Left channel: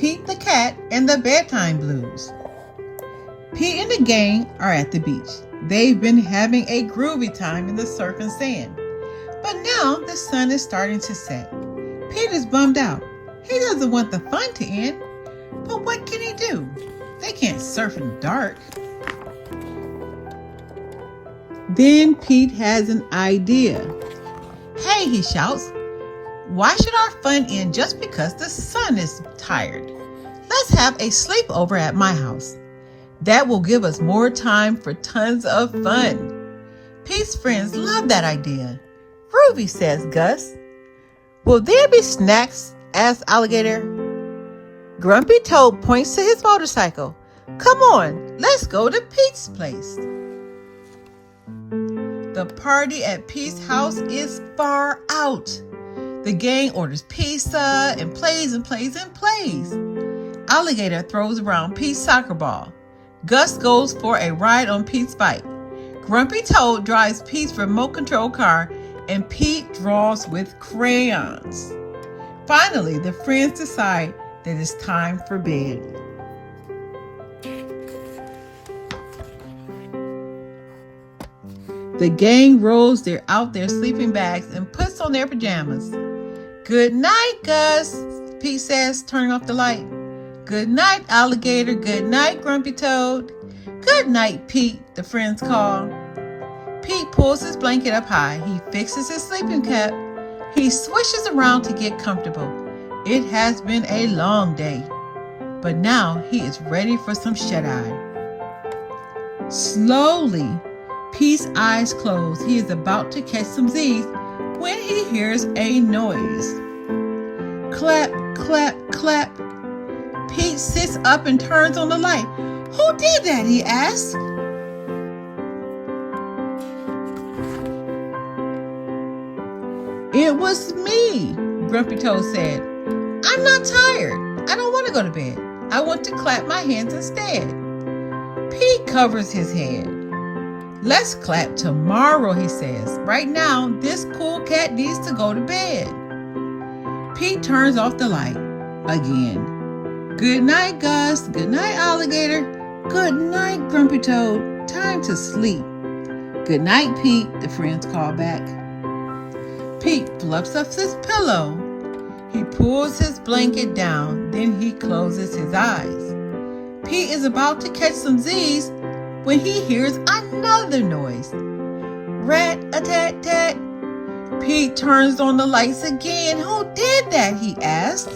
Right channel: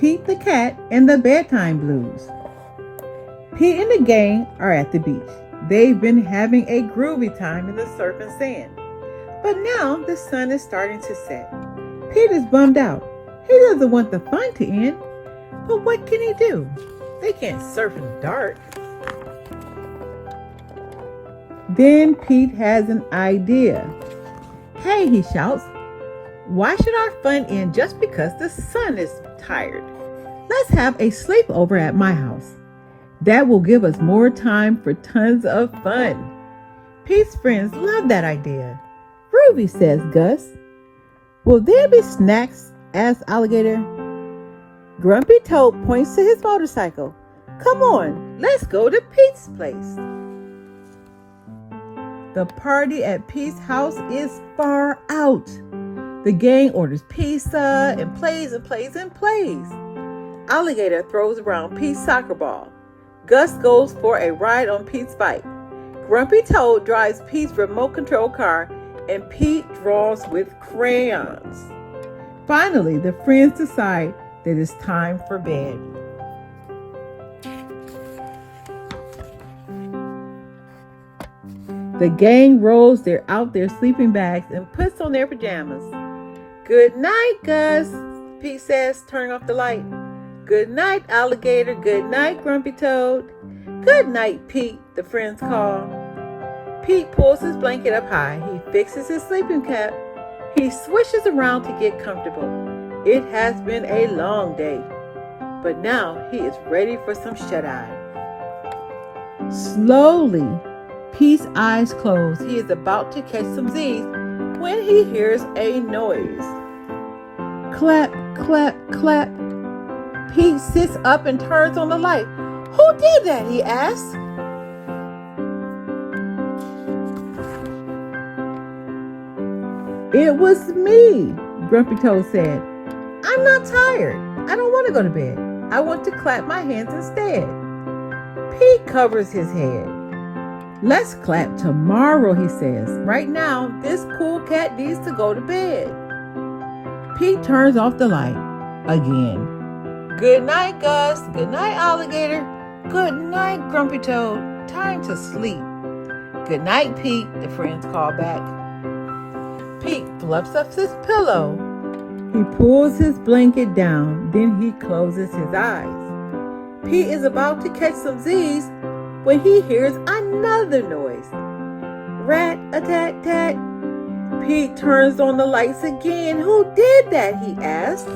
Pete the Cat and the Bedtime Blues. Pete and the gang are at the beach. They've been having a groovy time in the surf and sand. But now the sun is starting to set. Pete is bummed out. He doesn't want the fun to end. But what can he do? They can't surf in the dark. Then Pete has an idea. Hey, he shouts. Why should our fun end just because the sun is tired? Let's have a sleepover at my house. That will give us more time for tons of fun. Pete's friends love that idea. Groovy, says Gus. Will there be snacks? Asks Alligator. Grumpy Toad points to his motorcycle. Come on, let's go to Pete's place. The party at Pete's house is far out. The gang orders pizza and plays and plays and plays. Alligator throws around Pete's soccer ball. Gus goes for a ride on Pete's bike. Grumpy Toad drives Pete's remote control car, and Pete draws with crayons. Finally, the friends decide that it's time for bed. The gang rolls out their sleeping bags and puts on their pajamas. Good night, Gus, Pete says, turning off the light. Good night, Alligator. Good night, Grumpy Toad. Good night, Pete, the friends call. Pete pulls his blanket up high. He fixes his sleeping cap. He swishes around to get comfortable. It has been a long day, but now he is ready for some shut-eye. Slowly, Pete's eyes close. He is about to catch some Z's when he hears a noise. Clap, clap, clap. Pete sits up and turns on the light. Who did that? He asks. It was me, Grumpy Toad said. I'm not tired. I don't want to go to bed. I want to clap my hands instead. Pete covers his head. Let's clap tomorrow, he says. Right now, this cool cat needs to go to bed. Pete turns off the light again. Good night, Gus. Good night, Alligator. Good night, Grumpy Toad. Time to sleep. Good night, Pete, the friends call back. Pete fluffs up his pillow. He pulls his blanket down, then he closes his eyes. Pete is about to catch some Z's when he hears another noise. Rat-a-tat-tat. Pete turns on the lights again. Who did that? He asks.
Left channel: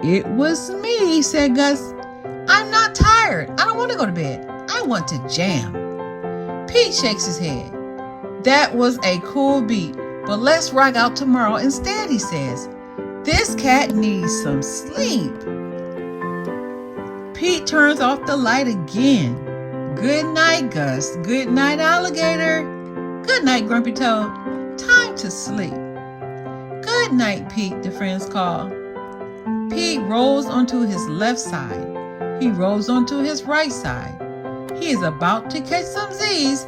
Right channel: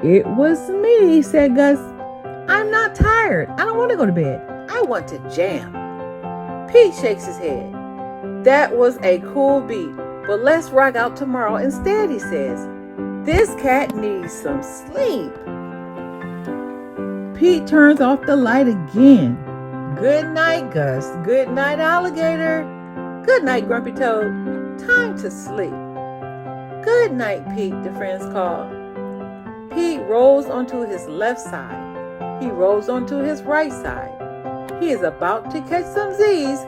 It was me, said Gus. I'm not tired. I don't want to go to bed. I want to jam. Pete shakes his head. That was a cool beat, but let's rock out tomorrow instead, he says. This cat needs some sleep. Pete turns off the light again. Good night, Gus. Good night, Alligator. Good night, Grumpy Toad. Time to sleep. Good night, Pete, the friends call. Pete rolls onto his left side. He rolls onto his right side. He is about to catch some Z's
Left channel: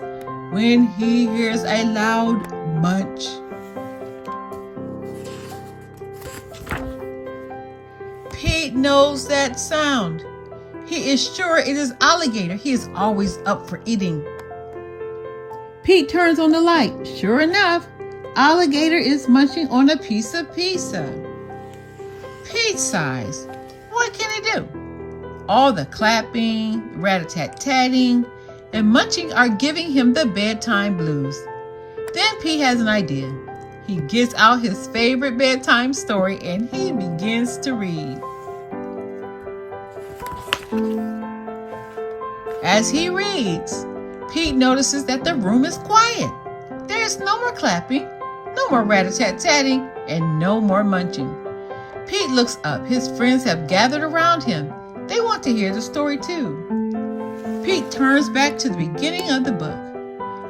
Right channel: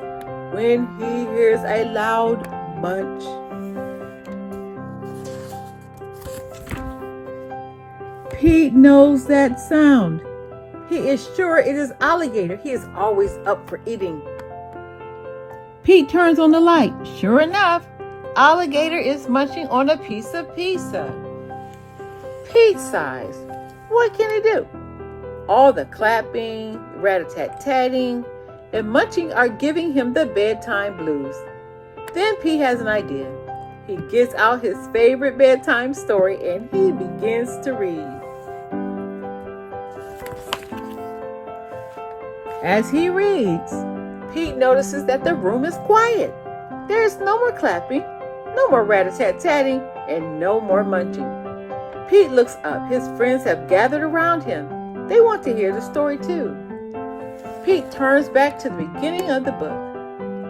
when he hears a loud munch. Pete knows that sound. He is sure it is Alligator. He is always up for eating. Pete turns on the light. Sure enough, Alligator is munching on a piece of pizza. Pete sighs. What can he do? All the clapping, rat-a-tat-tatting, and munching are giving him the bedtime blues. Then Pete has an idea. He gets out his favorite bedtime story and he begins to read. As he reads, Pete notices that the room is quiet. There is no more clapping, no more rat-a-tat-tatting, and no more munching. Pete looks up. His friends have gathered around him. They want to hear the story too. Pete turns back to the beginning of the book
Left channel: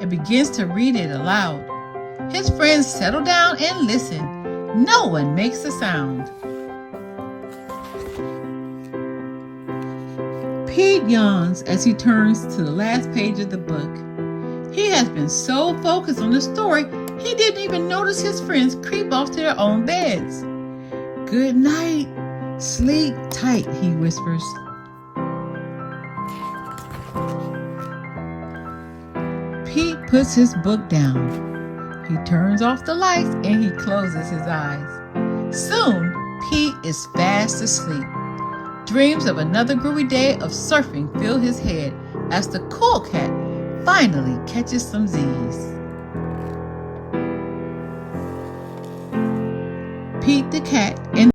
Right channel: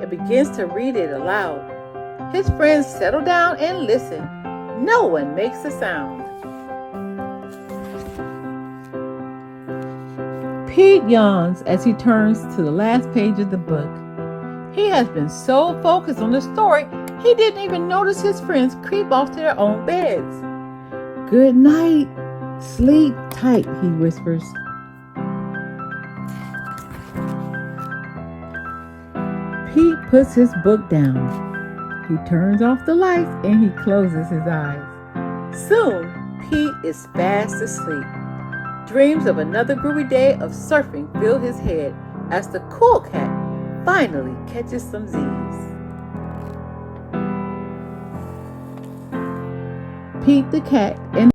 and begins to read it aloud. His friends settle down and listen. No one makes a sound. Pete yawns as he turns to the last page of the book. He has been so focused on the story, he didn't even notice his friends creep off to their own beds. Good night. Sleep tight, he whispers. Pete puts his book down. He turns off the lights and he closes his eyes. Soon, Pete is fast asleep. Dreams of another groovy day of surfing fill his head as the cool cat finally catches some Z's. Pete the cat and